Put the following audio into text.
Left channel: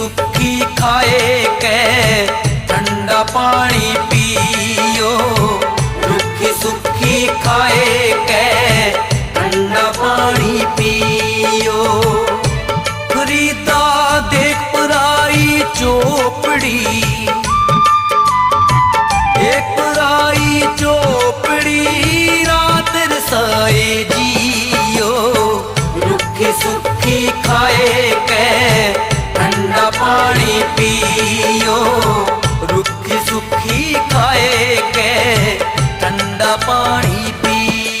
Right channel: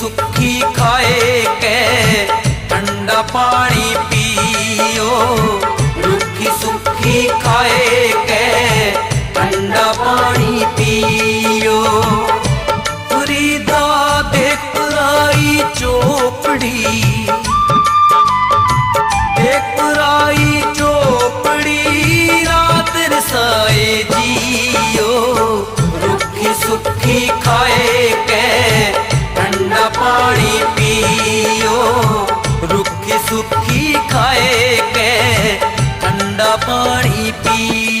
ਸੁੱਖੀ ਖਾਏ ਕੈ ਠੰਡਾ ਪਾਣੀ ਪੀਓ। ਰੁੱਖੀ ਸੁੱਖੀ ਖਾਏ ਕੈ ਠੰਡਾ ਪਾਣੀ ਪੀਓ। ਫਰੀਦਾ ਦੇ ਪਰਾਈ ਚੋਪੜੀ ਇੱਕ ਰਾਈ ਚੋਪੜੀ ਰਾਤ ਰਸਾਏ ਜੀਓ। ਰੁੱਖੀ ਸੁੱਖੀ ਖਾਏ ਕੈ ਸੁੱਖੀ ਖਾਏ ਕੈ ਠੰਡਾ ਪਾਣੀ ਪੀਓ